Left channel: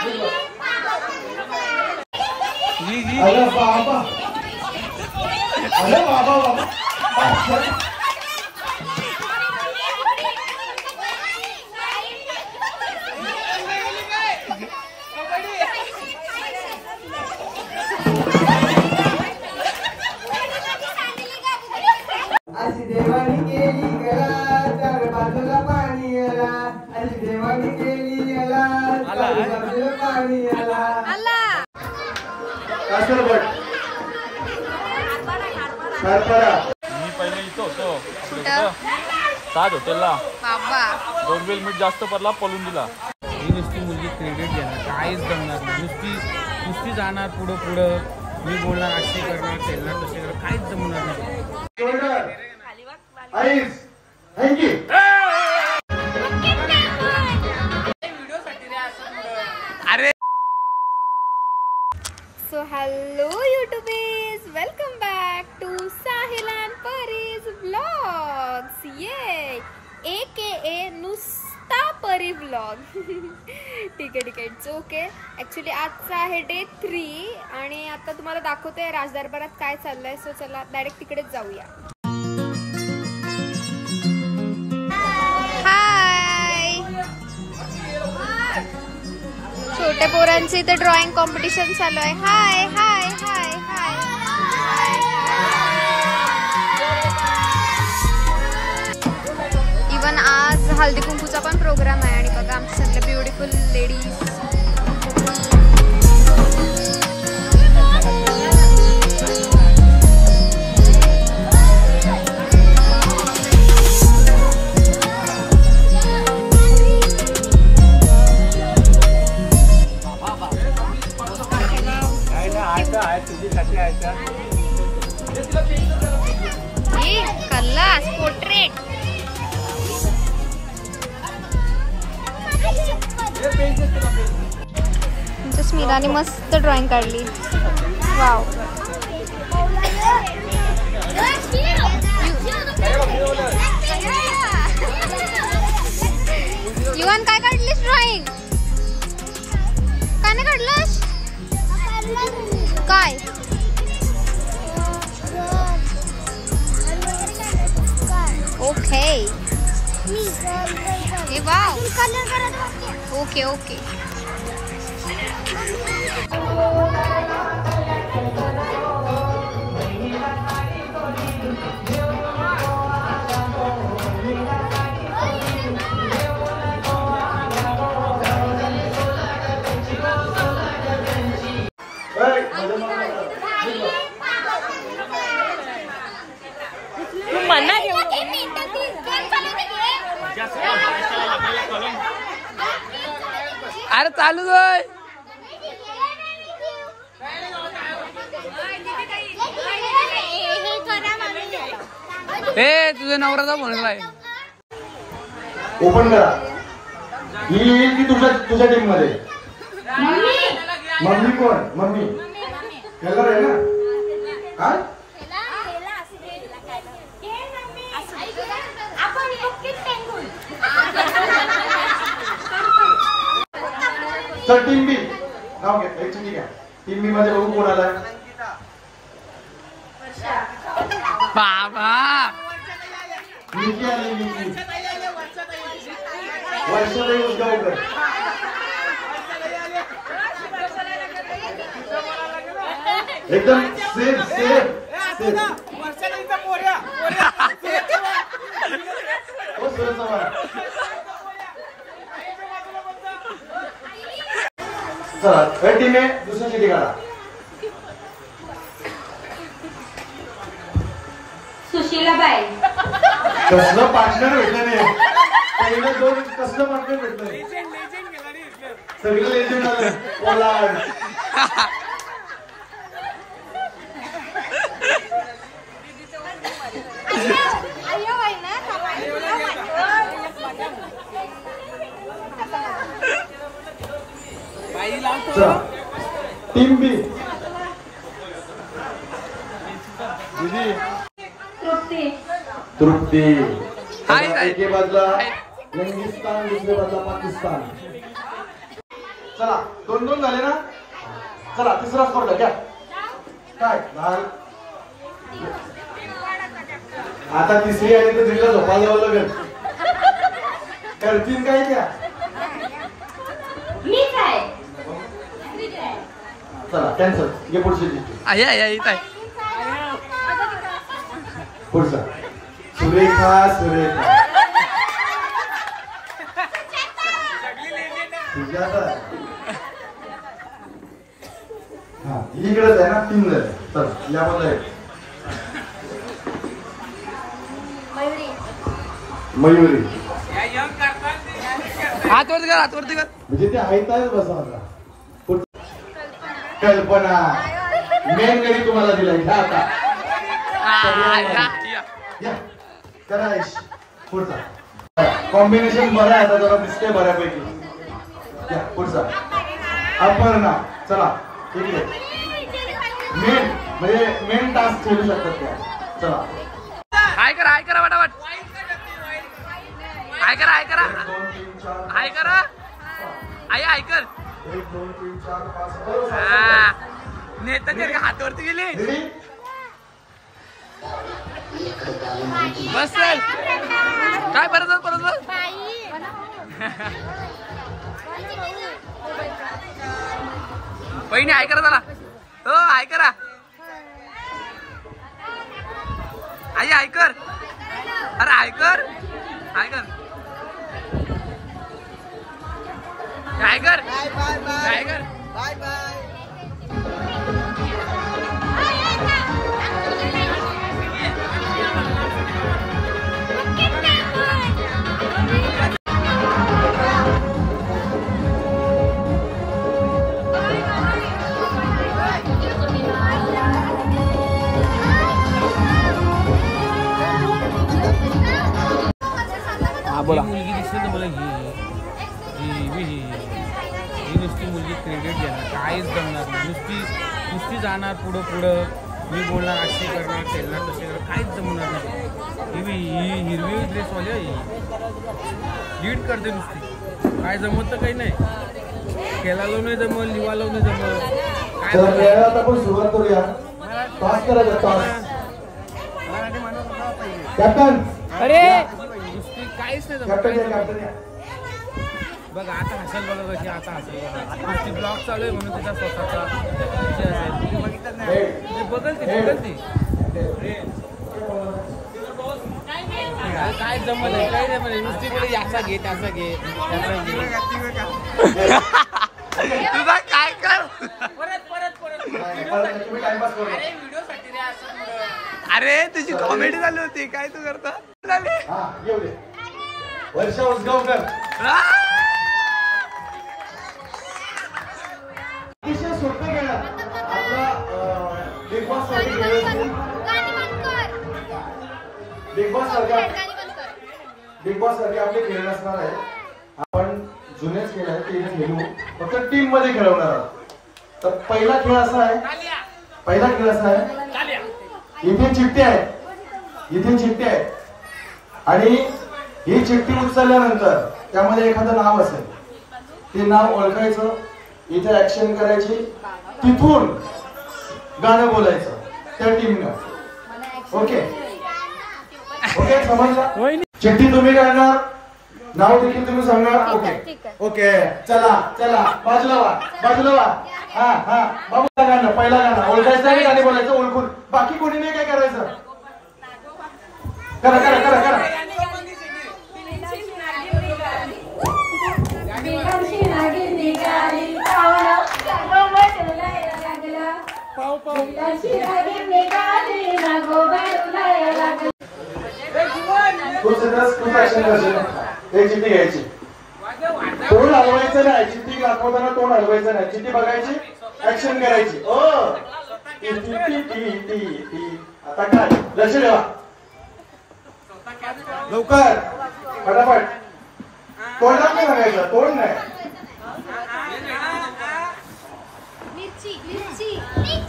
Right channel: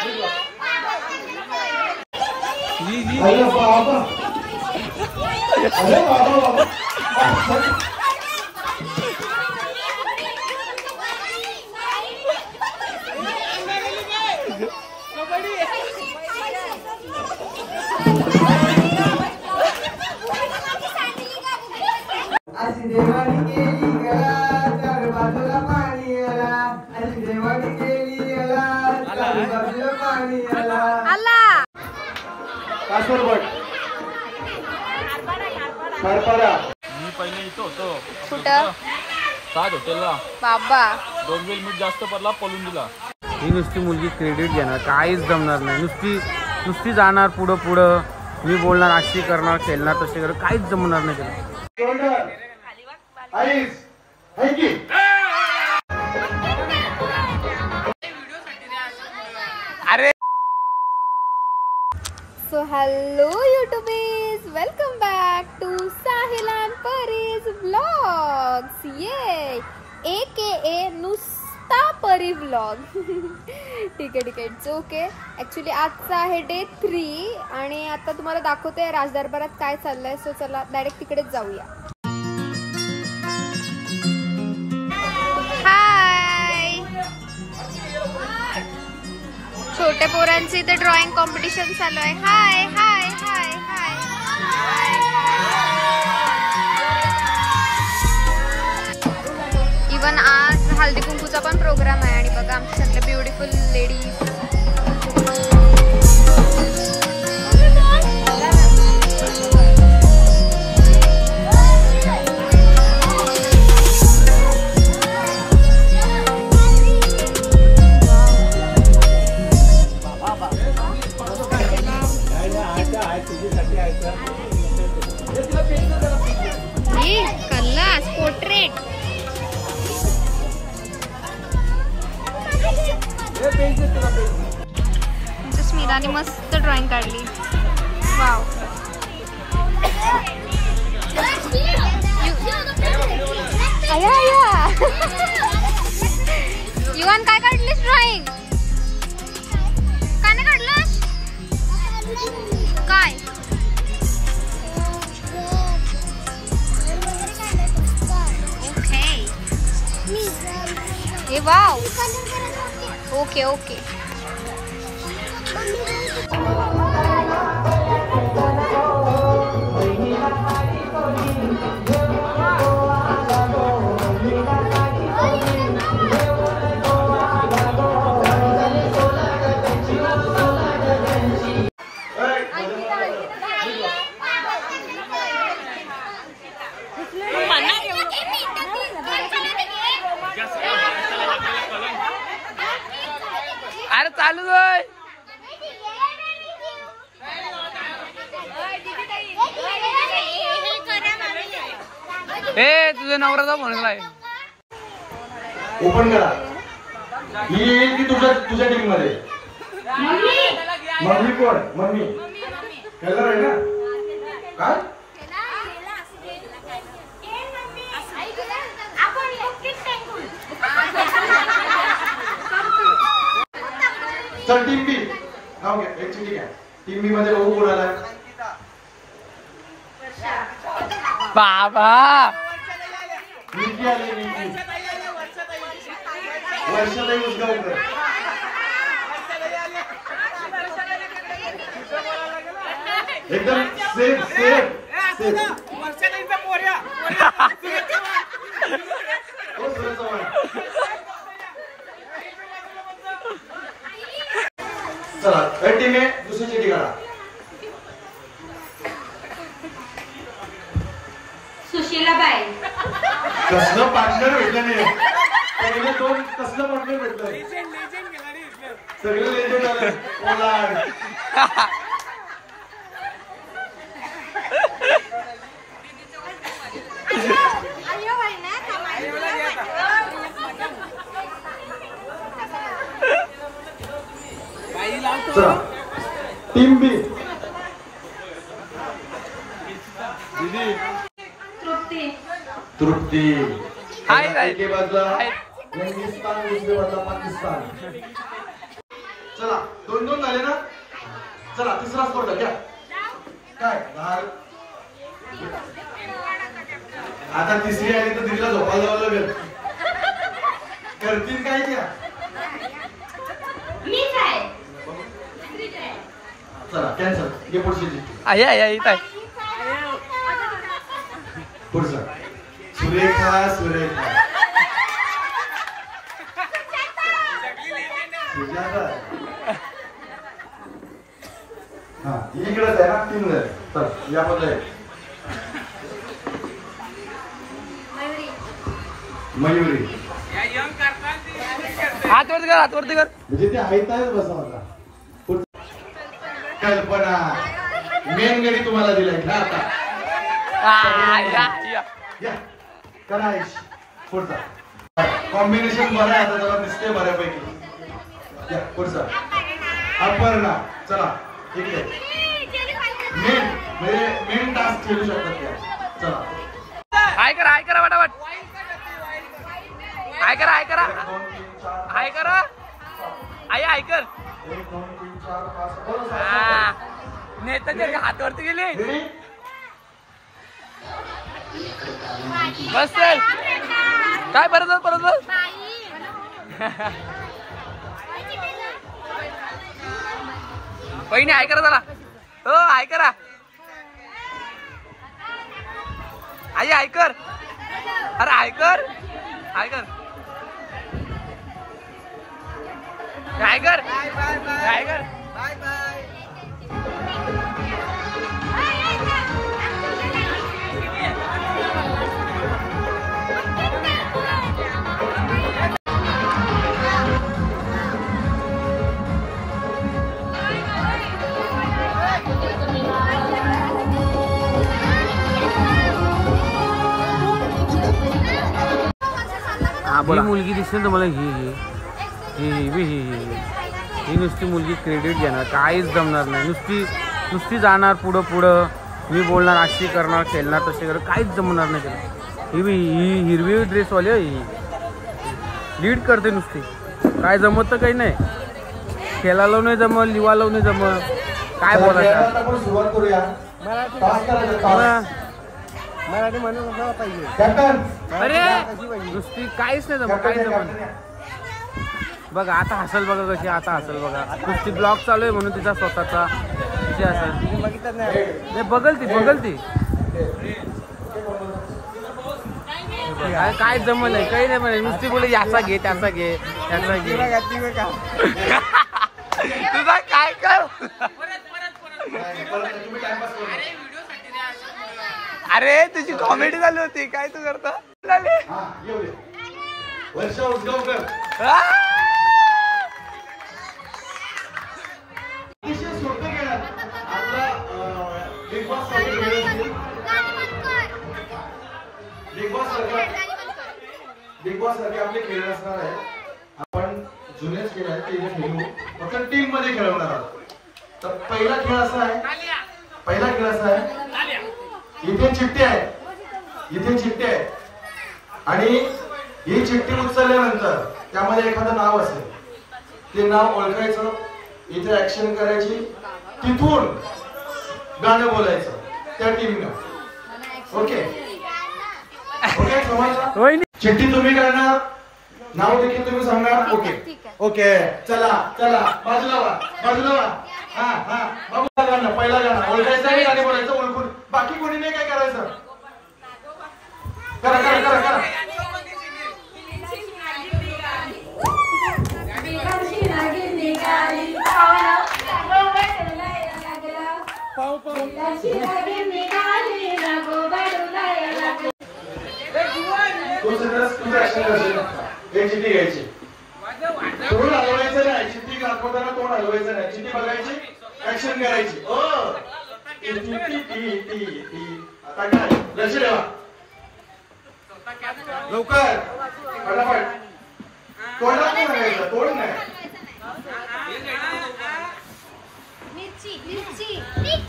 अरे बाबा, अरे बाबा बाबा अशी देवानी केली गला चार बाजूला पाणी आला, अशी देवानी केली गला चार बाजूला पाणी आला आला कासर बट सारपाडा. मी पहिले इथं होतो. कुठं? ताज हॉटेलला. बाबा 2 वेळ मीठ जास्त पडला, पळून दिला. ही नुसती मुलगी क्रेडिट घेणार, काहीच जमणार नाही. नुसती जाणार पुढं पुढं. मी बोलणार अशी करणार, खेळणार तशी करणार, काहीच जमणार नाही. अरे so hello youtubies, welcome back to Sahil and Pari's vlogs. ये AKA नुसता परी व्लॉग. ठीक आहे इट्स ओके. ऍक्च्युली आजचा आहे डे 3 आणि आता तुम्हाला दाखवते राजदरबारात काय चाललंय. सो चला डायरेक्ट तिकडेच जाऊया. हाय, छोट्या पोरांची इथे ड्रॉइंग कॉम्पिटिशन चालू आहे. हाय हाय हाय हाय. इवन आज हल्दी कुंकूचा पण प्रोग्राम आहे आणि बघा आमचे सगळे ब्युटिफुल लेडीज. स्मिराने मस्त ड्रॉइंग काढली. वाव. युवान काय काढलीस ड्रॉइंग? काय नाही काढलंस? काय? ओके. हे वाव. Okay okay. अरे चालू आहे. ए तुझ्या नवऱ्याचा फोन आहे. ओपन करा. ही येईल ती तुझ्या टीम मध्ये. मम्मी कोण? मम्मी कलर आहे ना. काय चल टीम बी नाव घ्या. ठीक आहे. टीम बी मध्ये बघू कोण आला. बाबा निकी आली. निकी वर्षाला उद्गावकर. एकदम सेफ सेफ सेफ. चला टीम आहे. दुसरी चिठी काढा. सुशीलाबाई. कसलं पार्टनर भेटलं नाही. पहिले 2 कसलं पार्टनर भेटलंय. सगळे लेजेंड आले. पोलार्ड. टीम बी. तृप्ती. तृप्ती. हाय एके बाजूला हिंदुस्तान, दुसऱ्या बाजूला पाकिस्तान. चला 2-2 झाले ना. चला तिसरा स्पर्धा घ्या. काय आता तिसरी आहे तर तिला झोपा जावं लागेल. करतील काय त्या. चला कॅन्सल. ये पुढची आई आई इथं आहे. पुढचा सुरेखा सुरेखा सुजाता. हा इकडेच आहे ना. 3 झाले. चल यामध्ये आहे मयुरी. हात वरती कर, हात वरती कर. म्हणजे ते ऐकतायच बसा आता. कल्पना मेन घरी तुम्हाला दिला. घ्या आता. या. करा आयुष. पुढचा कॉम्बिनेशन बरं आहे. आता जरा दिसतंय बऱ्यापैकी. या पुढचा अपर्णा. चला ठीक आहे. मेन म्हणजे मेन टास्क खेळू शकतात त्या. चला हाय करा फटाफट. हाय करा आई हाय कर. 1 2 3 4 5 हा नेताच्या हातावरती गेली. बस चल. काय परत पहिने हाय करा. चला हो हाय करा. आई हाय कर. अरे हाय कर. ही मुलगी दिसली ना मला. ही नुसती मुलगी क्रेडिट घेणार. काहीच जमणार नाही. नुसती जाणार पुढं. मी बोलणार अशी करणार खेळणार तसे करणार. काहीच जमणार नाही. ही हिरवी ड्रेसवाली ही लीड करते नुसती. काय जमत तर काही नाही. खेळायला नाही जमत, लिवायला नाही जमत. काय बोलायचं. सुरुवात करूया. मराठी म्हणून कॅप्टन. अरे नुसती काहीच नाही जमत. काहीच जमत. बघा आता हसल. बघा कशी आता हसल. बघा नुसती ब्लॉग चालू आहे म्हणून तिचा स्वतःचा तिची हसल. बघल ती काय जमल आहे. काही नाही म्हणे. नुसती बोले याचा घे त्याचा घे. तुझा काय कर. अरे तुझी कॉमेडी झाली होती. काय तू करता झाली. वर्षा उसगावकर. अतिशय सोपं खेळात आपला बिग बॉस सारखे आपले खेळ नसणार आहे. आपण जुनेच खेळ आहे ते खेळू. फक्त टीम मध्ये खेळवणार आहोत. तर पहिला खेळ असा आहे. इथे चिठ्ठी आहे आणि ही चिठ्ठी उचलल्यानंतर त्यामध्ये एखादं नाव असेल. ते नाव ओळखायचं. इथे ऍक्शन करायची. तिथून गाणं बोलायचं त्या टीमनं. ओके समजलं. चिठ्ठी तुम्ही करणार. नाव देखील तुम्ही सांगणार. ओके चला बाजूला वा. हा बाबू गाणं पहिला गाणं ओळखायचं आणि गाणं बोलायचं ओळखून. बाकी कोणी नाही काय करायचं. करा. चिठ्ठी घ्यायची. तोंड हलवायचं नाही. चिठ्ठी दाखवताना तोंड हलवायचं नाही. चिठ्ठी बघायची. ऍक्शन करायची. आता काय लक्ष ठेवा. लवकर फटाफट. तोंडात नाही बघायचं. तोंड नाही.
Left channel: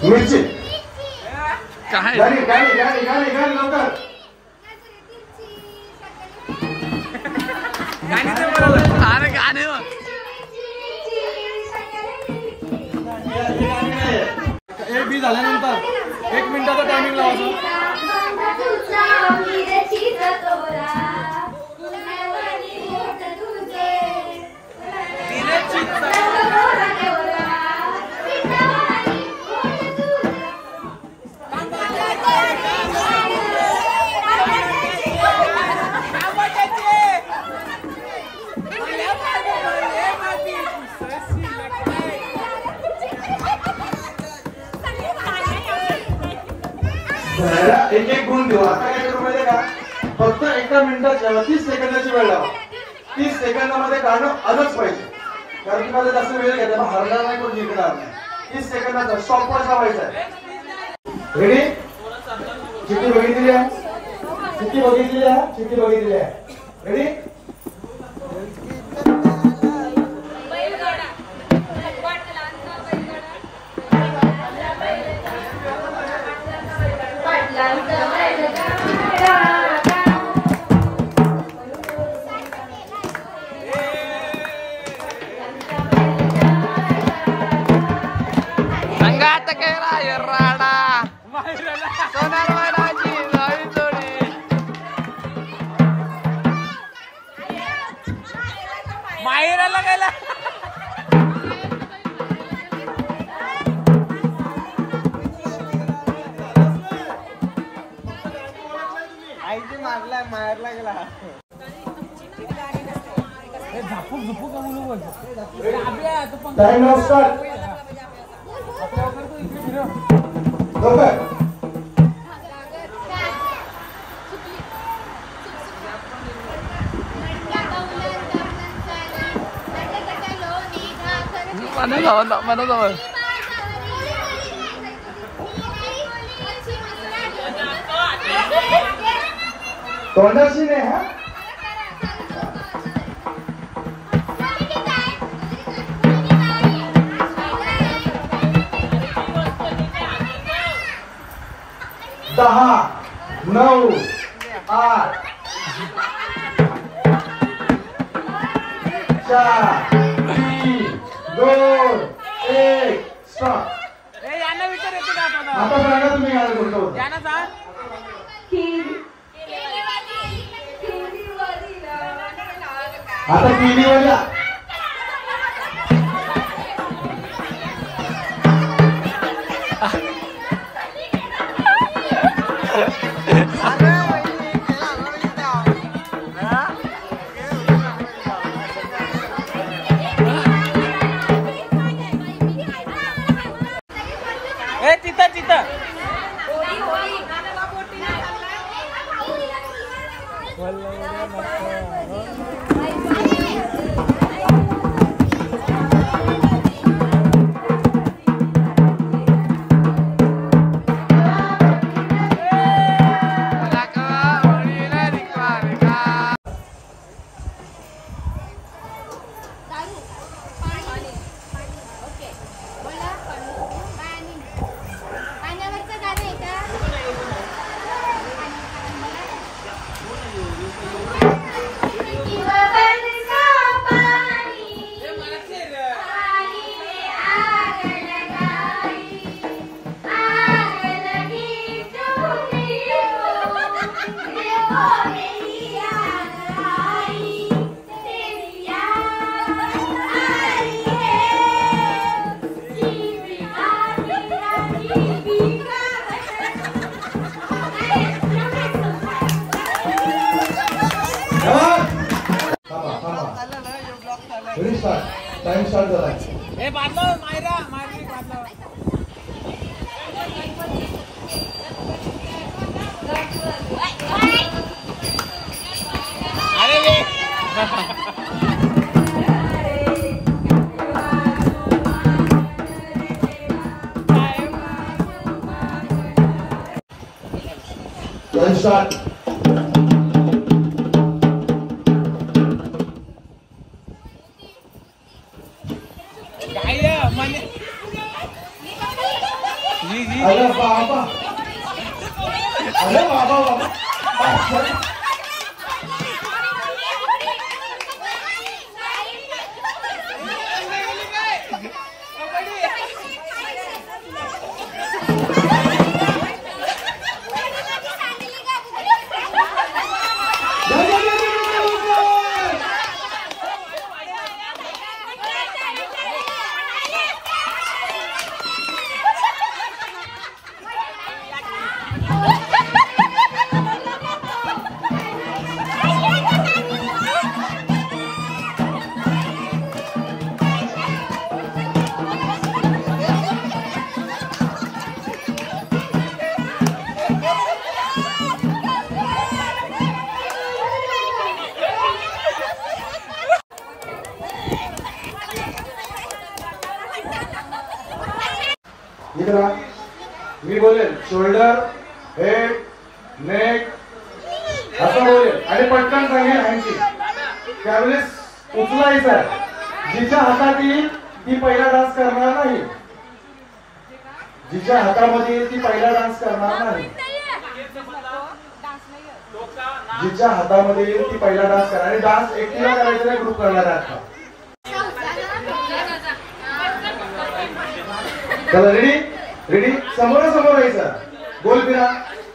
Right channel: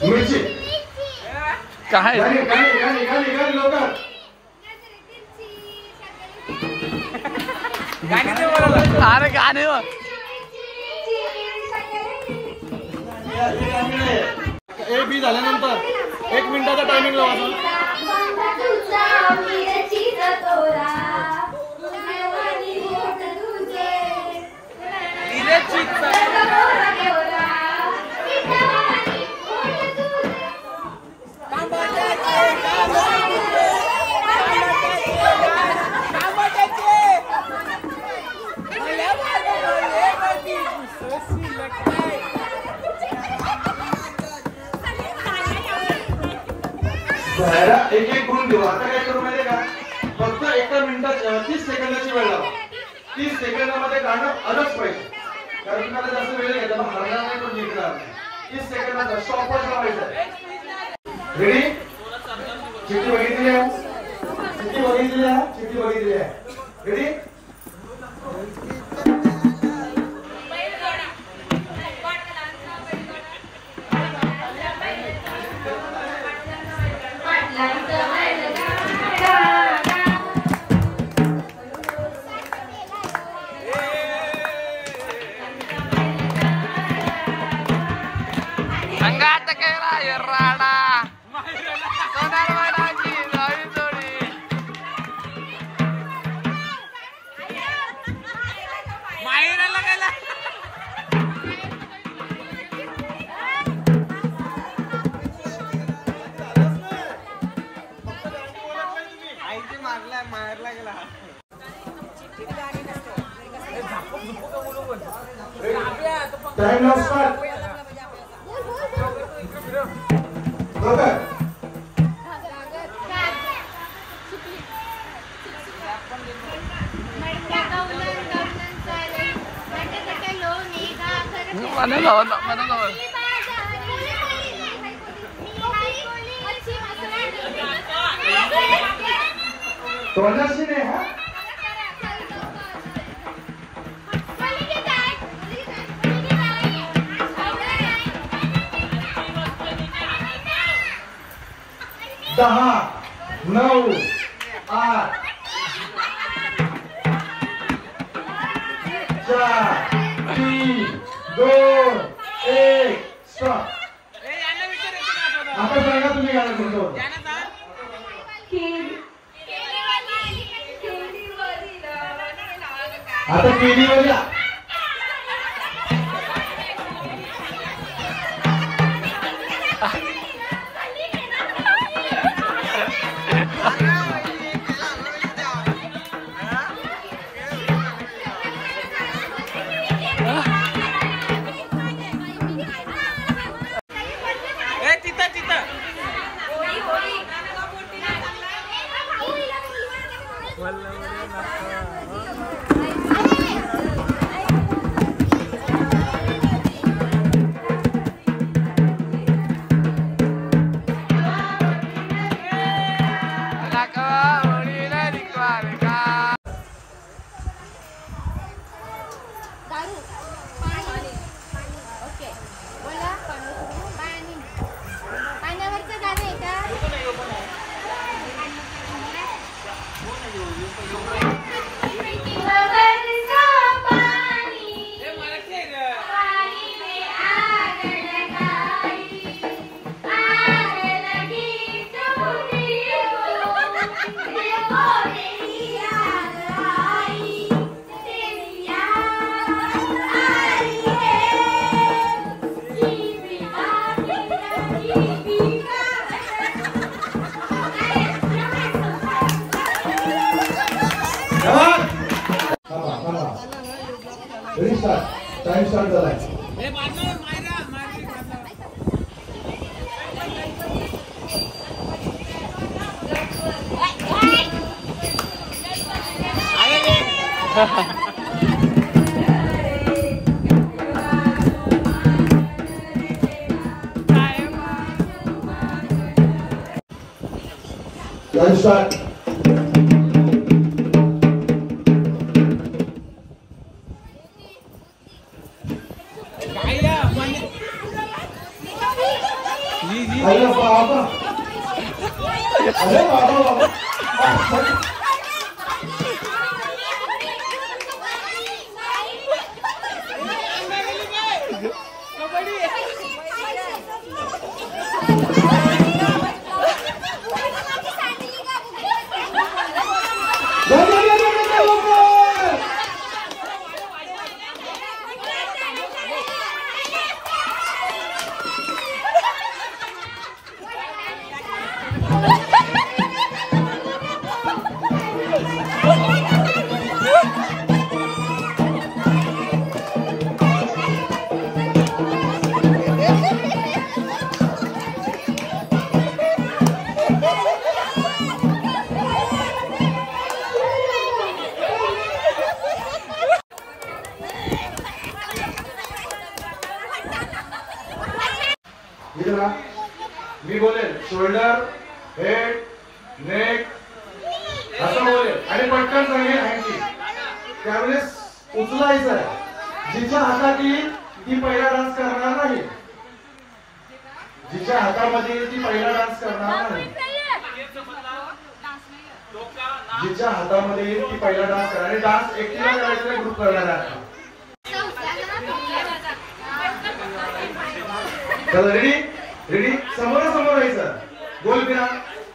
मिरची. काय गाणी लवकर. अरे गाणे बी झाल्यानंतर 1 मिनिटाचा टायमिंग लावायचा. एक एक गुण देऊ. आता काय करू माहितीये का, फक्त 1 मिनिटात 30 सेकंदाची वेळ लावा. 30 सेकंदामध्ये गाणं आलंच पाहिजे, कारण तुम्हाला जास्त वेळ घेतला मग हरणार नाही पण जिंकणार नाही. 30 सेकंदाचा स्टॉपवॉच लावायचा आहे. रेडी? चिठ्ठी बघितली आहे, चिठ्ठी बघितली आहे, चिठ्ठी बघितली आहे. रेडी? संगात केला एर्राडा सोनार वनाची जाळी जोडी माहेराला गेला. आईची मारला माहेरला गेला. Time now start. mana jawab तोंडाशी नाही हा. दहा 9 8 4 3 2 1 स्टॉप. आता सांगा तुम्ही काय बोलतो. आता पिढी बोला. तिथं टाइम स्टार्ट झालाय. Time start. अरे बाबा, अरे बाबा इकडे मी बोलेल शोल्डर, हेड, नेक असं बोलेल आणि पटकन सांगेल हँडची. त्यावेळेस उचलायचं आहे. जिच्या हातात येईल ती पहिला डान्स करणार नाही. जिच्या हातामध्ये येईल ती पहिला डान्स करणार नाही. जिच्या हातामध्ये येईल ती पहिला डान्स करणार. आणि डान्स एकटीला करायचा नाही, ग्रुप करणार आहे. चला रेडी रेडी. समोरासमोर राहायचं. गोल फिरा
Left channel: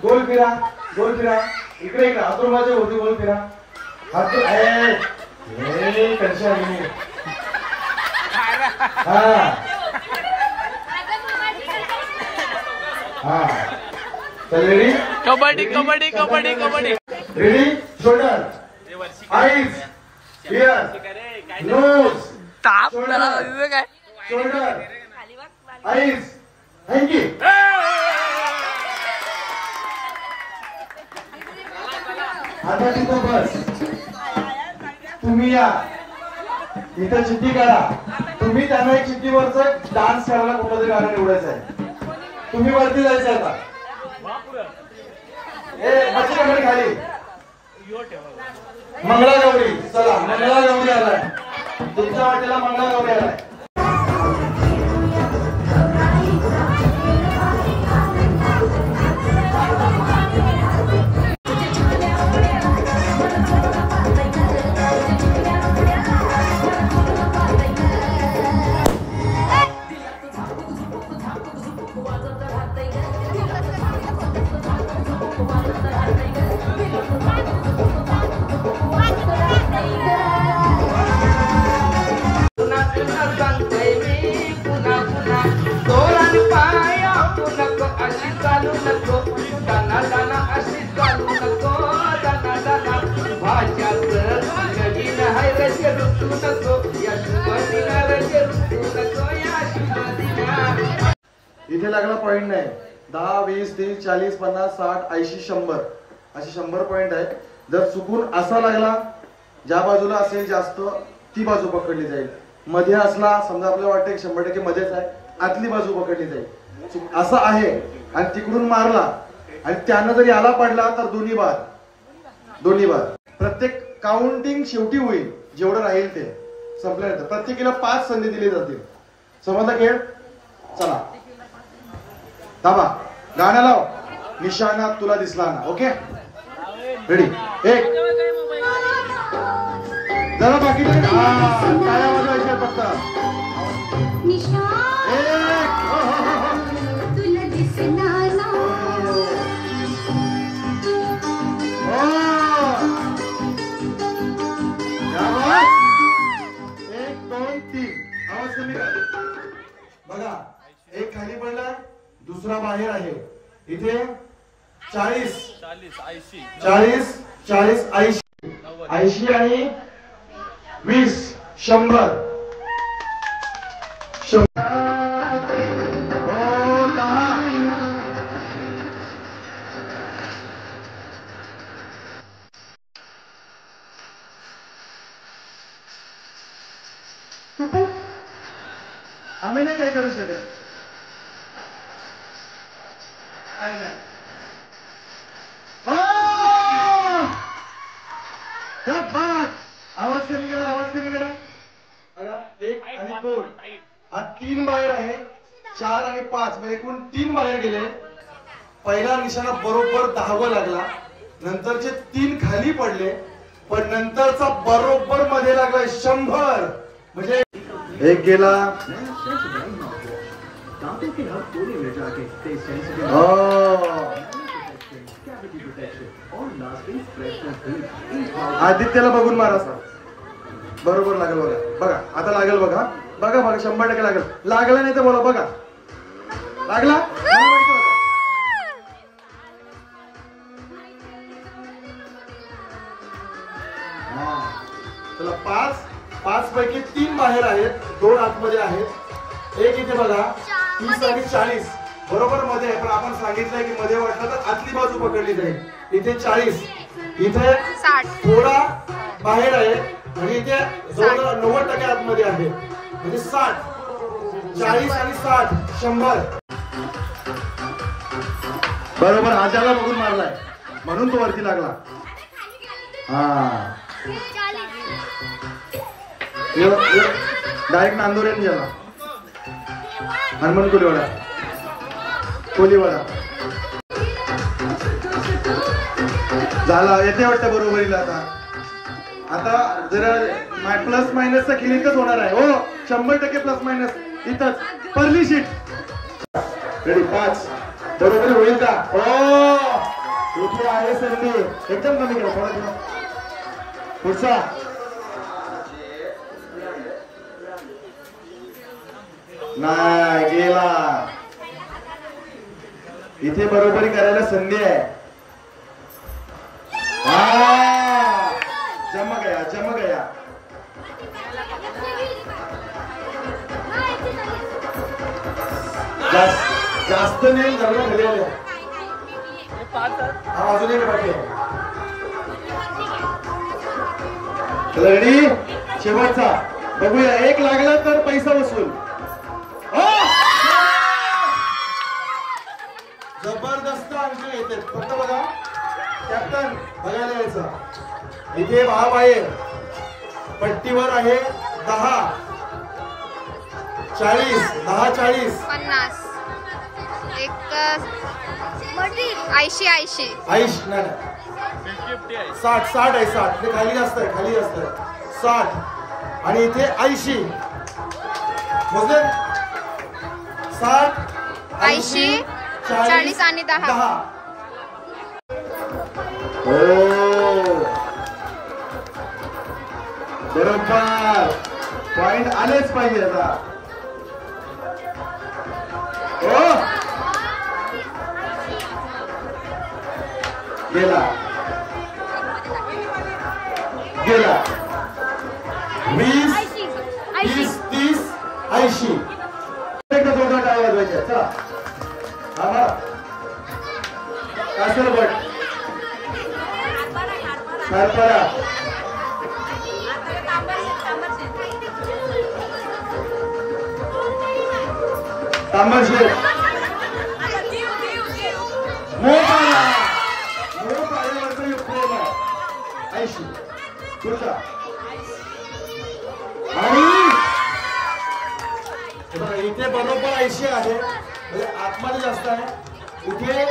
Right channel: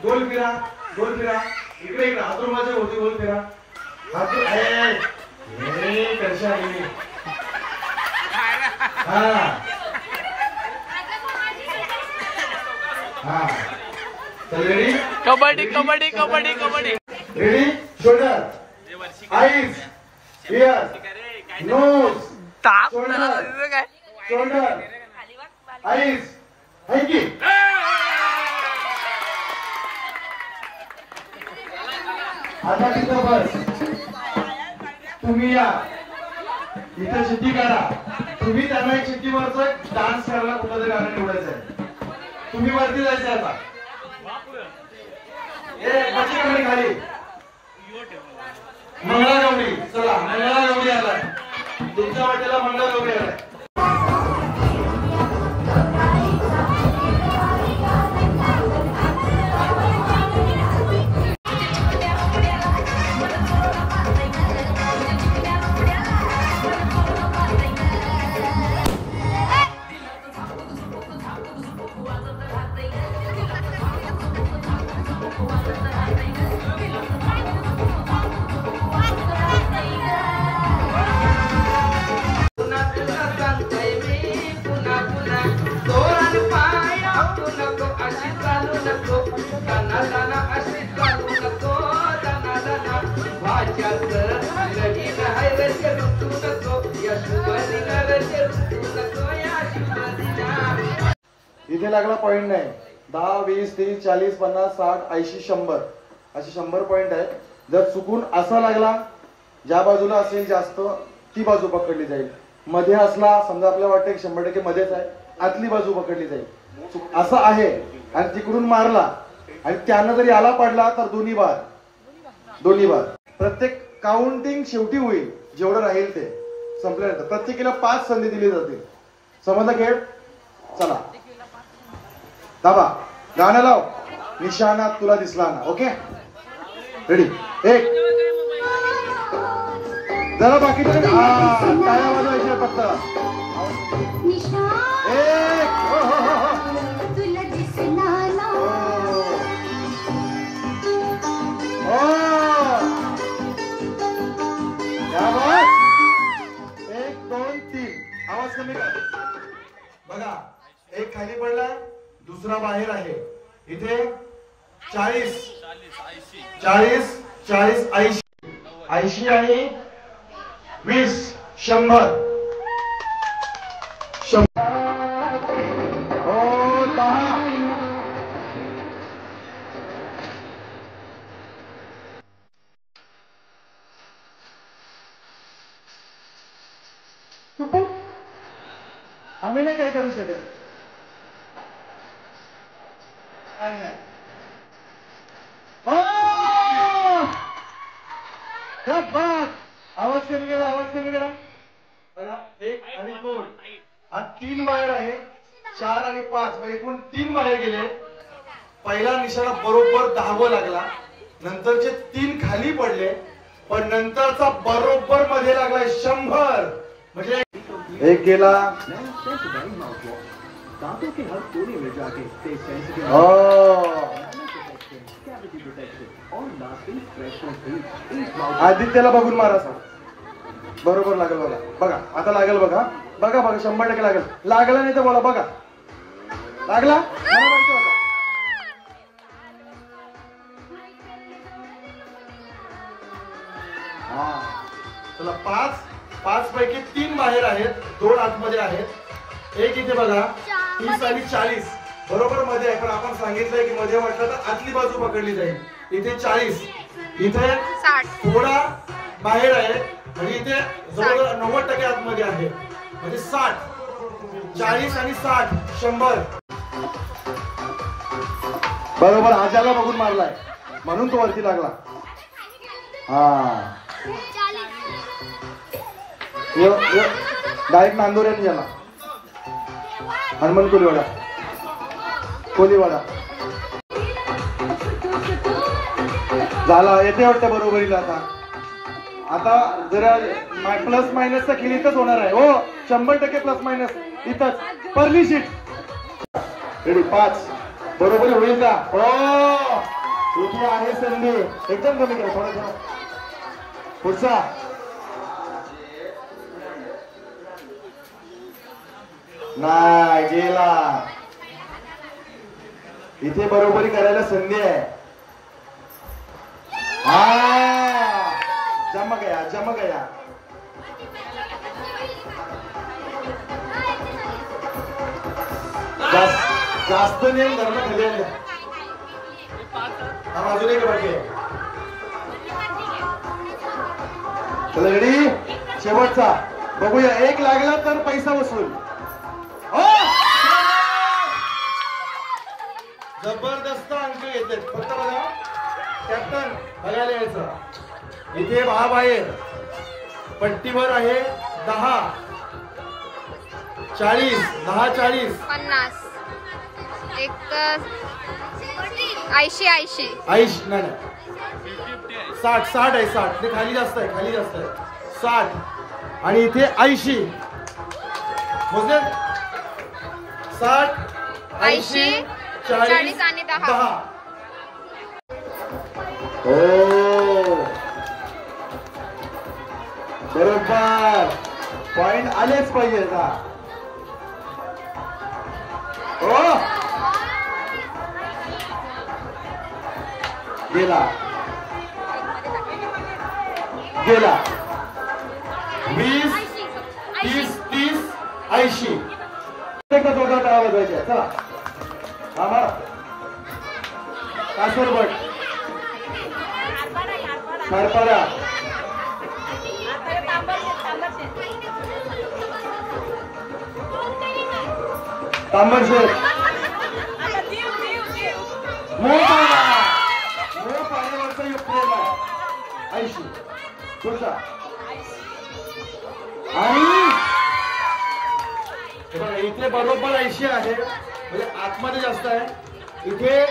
गोल फिरा गोल फिरा. इकडे इकडे हातुर्बाचे होते. गोल फिरा. हातूर ready. Kabaddi kabaddi kabaddi kabaddi. Ready. Shoulder, eyes, ear, nose, ताप शोल्डर, काय शोल्डर, आईज, हँकी. आता तिथं बस. तुम्ही या इथं चिठ्ठी काढा. तुम्ही त्यांना चिठ्ठीवरच डान्स करायला कुठलं तरी गाणं निवडायचं आहे. तुम्ही वरती जायचं आता. बसी कमी खाली. मंगळागौरी. चला मंगळागौरी आलाय. तुमच्या वाटेला मंगळागौरी आलाय. इथे लागला पॉइंट नाही. 10, 20, 30, 40, 50, 60, 80, 100 असे 100 पॉइंट आहे. जर चुकून असा लागला, ज्या बाजूला असेल जास्त ती बाजू पकडली जाईल. मध्ये असला समजा आपल्याला वाटतं की 100% मध्येच आहे, आतली बाजू पकडली जाईल. असं आहे आणि तिकडून मारला आणि त्यानं जरी आला पडला तर दोन्ही बाद. प्रत्येक काउंटिंग शेवटी होईल. जेवढं राहील ते संपल्यानंतर प्रत्येकीला 5 संधी दिली जातील. समजला खेळ. चला दाबा. गाणं लाव. निशाणा तुला दिसला ना. Okay ready. एक जरा बाकी टाळ्या वाजवायचे फक्त. एक 2 3 आवाज कमी कर. बघा एक खाली पडला, दुसरा बाहेर आहे. इथे 40 40 40 80 80 आणि 20 100 आम्ही नाही काय करू शकत. आवाज कमी गेला. आवाज कमी गेला. बघा 1 आणि 2 हा 3 बाहेर आहे. 4 आणि 5 म्हणजे एकूण 3 बाहेर गेले. पहिला निशाणा बरोबर 10 लागला. नंतरचे 3 खाली पडले, पण नंतरचा बरोबर मध्ये लागला 100. म्हणजे एक गेला. आदित्यला बघून मारा सर. बरोबर लागेल बघा. बघा आता लागेल बघा. बघा बघा 100% लागेल. लागला नाही तर बोला. बघा लागला. चला 5 पैकी 3 बाहेर आहेत, 2 आतमध्ये आहेत. एक इथे बघा 30 आणि 40 बरोबर मध्ये आहे, पण आपण सांगितलंय की मध्ये वाटलं तर आतली बाजू पकडली जाईल. इथे 40, इथे 60 थोडा बाहेर आहे आणि इथे जवळ 90% आतमध्ये आहे. म्हणजे 60 40 आणि 60 100. बरोबर आजाला बघून मारलाय म्हणून तो वरती लागला. हा डायरेक्ट नांदोऱ्यात गेला. हनुमान कोलीवाडा झाला. येते वाटतं बरोबरीला. आता जरा प्लस मायनसचा खेळ इथंच होणार आहे. हो 100% प्लस मायनस इथंच. परली शीट रेडी. 5 बरोबर होईल का? हो इथे आहे संधी. एकदम कमी केलं थोडं. पुढचा नाही गेला. इथे बरोबरी करायला संधी आहे. हा जम गया. जास्त नाही जमलं खाली आल्या. हा अजून एक बाकी आहे. रेडी शेवटचा बघूया. 1 लागला तर पैसा वसूल. जबरदस्त अंक येते. फक्त बघा कॅप्टन बघायला यायचा. इथे भाव आहे पट्टीवर आहे 10 40 10 40 50 80 नाही 60 आहे. 60 खाली जास्त आहे. 60 आणि इथे 80 मोजले. 60 80 40 आणि 10. हो बरोबर पॉइंट आलेच पाहिजे. हो गेला 20 30 80. एकदा थोडं टाळा वाजवायचं. चला आम्हाला कासरबट सारपाडा तांबरशेत पाण्यावरचा युक्त 80. पुढचा आणि इथे बरोबर 80 आहे. म्हणजे आतमध्ये जास्त आहे. इथे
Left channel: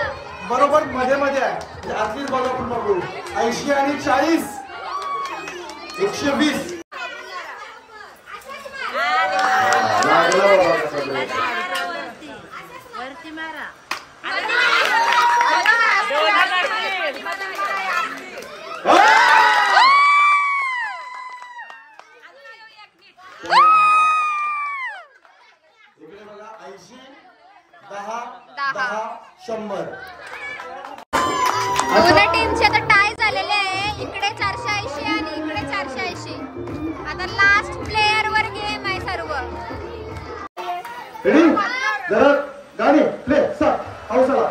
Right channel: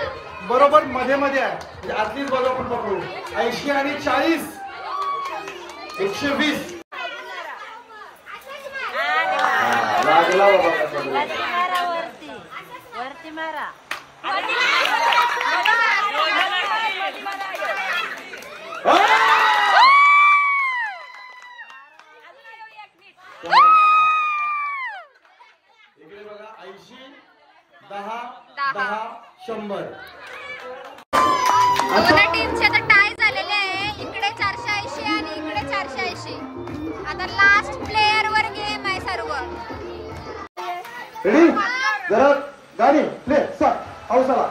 बरोबर मध्ये आहे. म्हणजे आतलीच बॉल आपण बघू. 80 आणि 40 120 लागला बाबा. इकडे बघा 80 10 100. दोन्ही टीमचे आता टाय झालेले आहे. इकडे 480 आणि इकडे 480. आता लास्ट प्लेयर वर गेम आहे सर्व. रेडी जरा गाणी प्ले स्टार्ट. हौसला.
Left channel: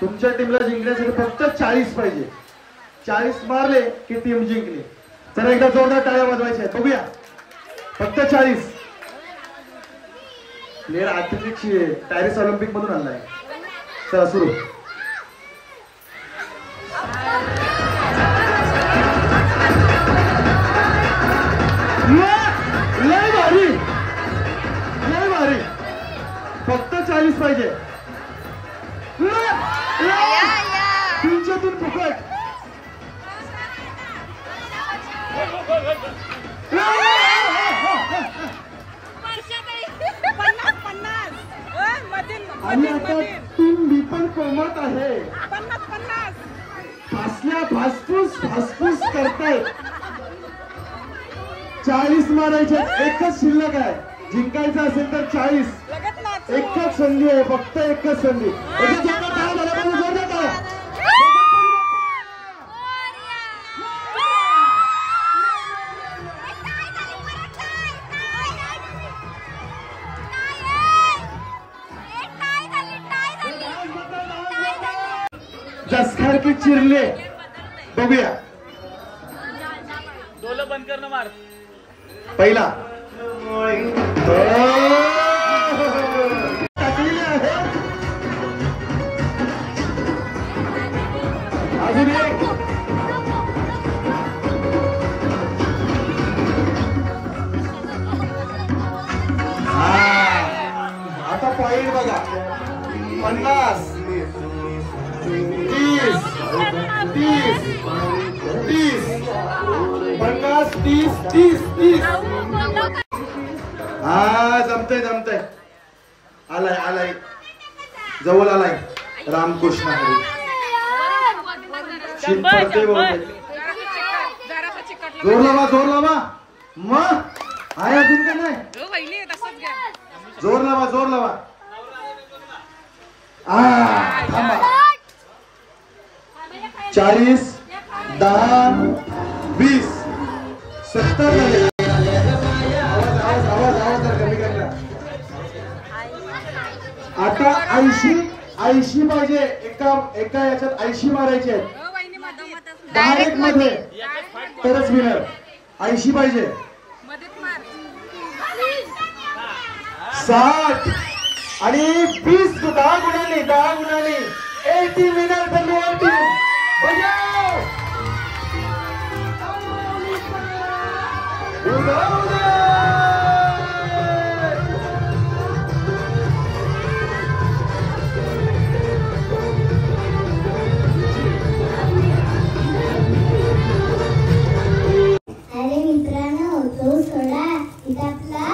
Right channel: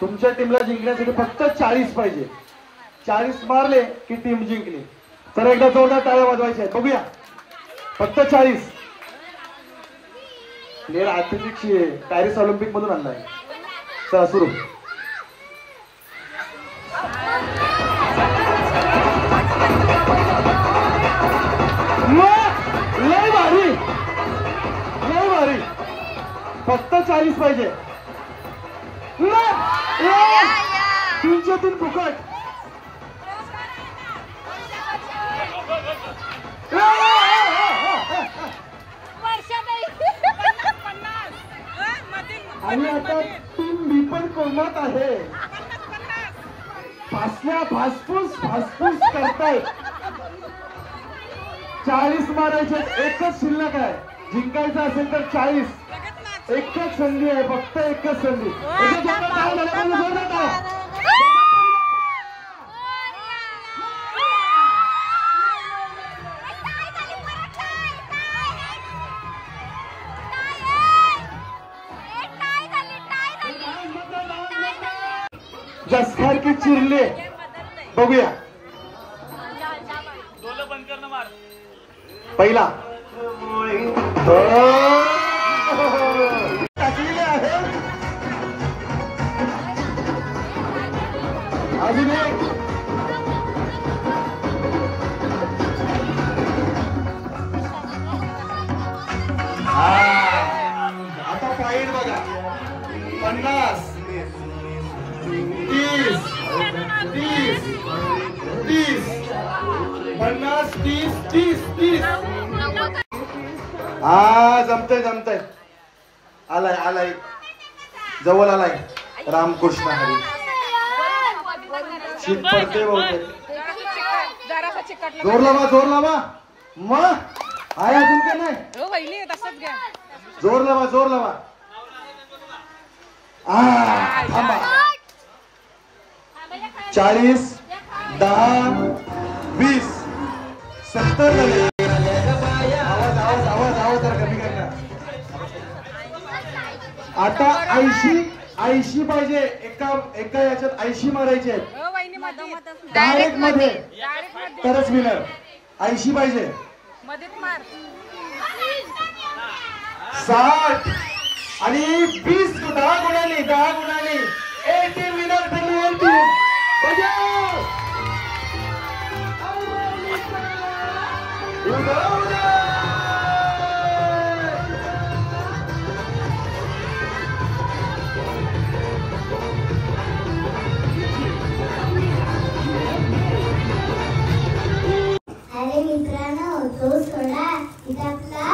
तुमच्या टीमला जिंकण्यासाठी फक्त 40 पाहिजे. 40 मारले की टीम जिंकली. तर एकदा जोरदार टाळ्या वाजवायच्या. बघूया फक्त 40. प्लेअर आर्टिफिकची पॅरिस ऑलिम्पिक मधून आणलाय. चला सुरू. लय भारी. फक्त 40 पाहिजे. तुमच्यातून फुकट. आणि आता टीम बी पण कोमत आहे. फासफूस करतायत. 40 मारायचे. एकच शिल्लक आहे. जिंकायचं असेल तर 40. एकच संधी आहे. फक्त एकच संधी. जसखार की चिरले. बघूया बंद करणं मार. पहिला अजून एक. आता पॉइंट बघा. 50 30 30 30 50 30 30 30. हा जमतंय. आलाय जवळ आलाय. रामकृष्ण हरी. शीत पडते बहुतेक. जोर लावा मग आहे अजून काय नाही. जोर लावा 40 10 20 70. आता 80 पाहिजे. एका याच्यात 80 मारायचे आहेत डायरेक्ट मध्ये तरच विनर. 80 पाहिजे. 60 आणि 20 10 गुणाने 80 विनर तुम्ही 80. अरे मित्रांनो, तो सोडा. इथं आपला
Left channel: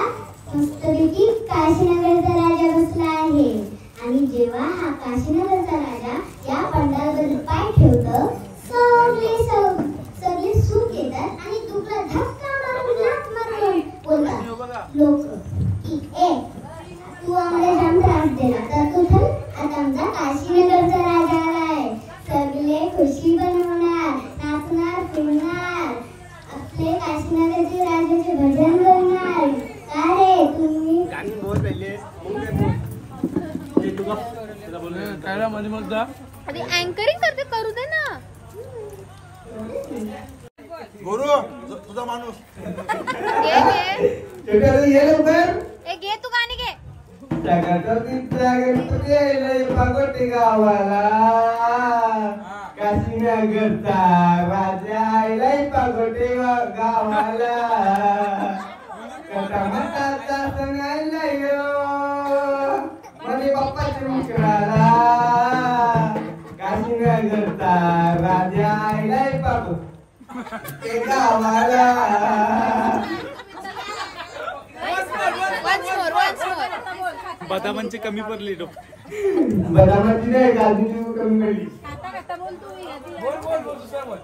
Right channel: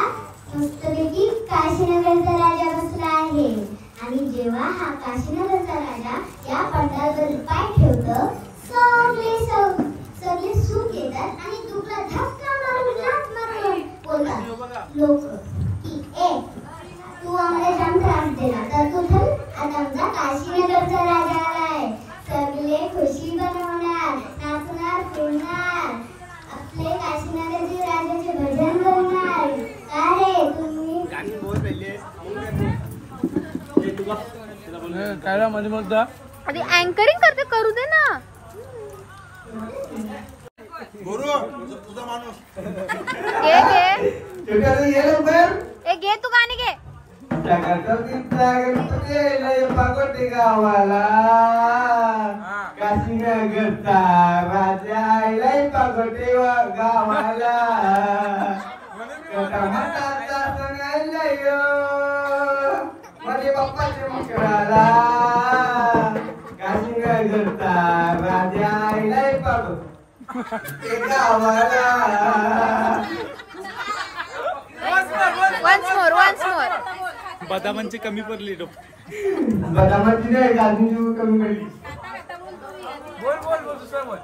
मस्तपैकी काशीनगरचा राजा बसला आहे. आणि जेव्हा हा काशीनगरचा राजा या पंडालवर पाय ठेवतो, सगळे सुख येतात आणि तुला धक्का मारून लाथ मारून बोलतात लोक की ए तू आम्हाला जाम त्रास दिला तर तू थांब. आता आमचा काशीनगरचा राजा आलाय. सगळे खुशी बनवणार, नाचणार, फिरणार, आपले काशीनगरचे राजाचे भजन करणार. का रे तुम्ही काय मध्ये मग आधी अँकरिंग करते, करू दे ना. गुरु तुझा माणूस घे तू गाणी घे. पागोटी गावाला काशीनगरचा राजा पागोटी गावाला माझे बाप्पाच्या मित्राला काशीनगरचा राजा पागोटी गावाला. once more. बदामांची कमी पडली. बदामाची नाही, गाजूची कमी पडली. बोल दुसरा बोल.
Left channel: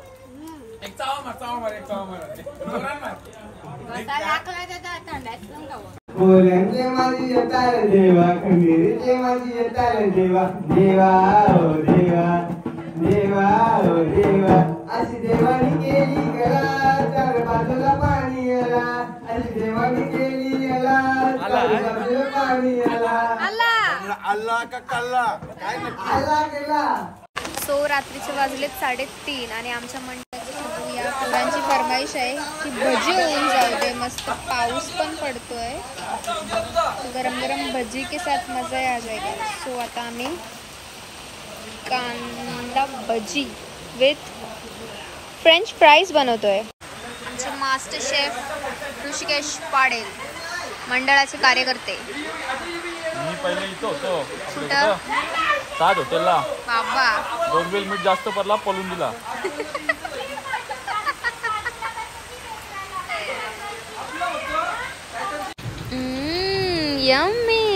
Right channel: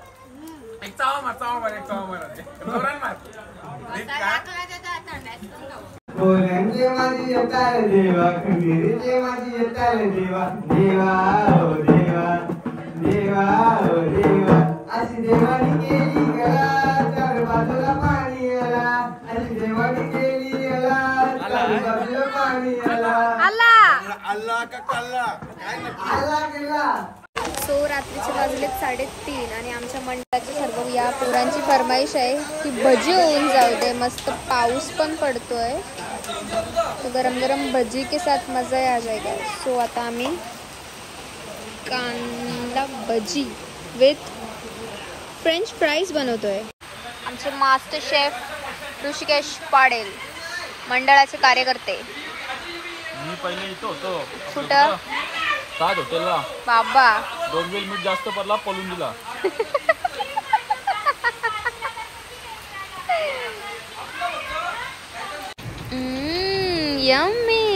एक चावा मार. पोरांचे माझी येताल देवा, खंडीरीचे माझी येताल देवा. देवा हो देवा अशी देवानी केली गला, चार बाजूला पाणी आला. अशी देवानी केली गला, चार बाजूला पाणी आला. अल्ला का कल्ला काय नक्की अल्ला केला. सो रात्रीचे वाजलेत 3:30 आणि आमच्या मंडळाची सर्व या पोरांची फरमाईश आहे की भजी होऊन जाऊ दे. मस्त पाऊस पण पडतोय, तो गरम गरम भजी के साथ मजा आ जाएगा. सो आता आम्ही कांदा भजी विथ फ्रेंच फ्राईज बनवतोय. आमचे मास्टर शेफ ऋषिकेश पाडेल, मंडळाचे कार्यकर्ते. मी पहिले इथं होतो. कुठं? सात हॉटेलला. बाबा 2 वेळ मीठ जास्त पडला, पळून दिला. यम्मी.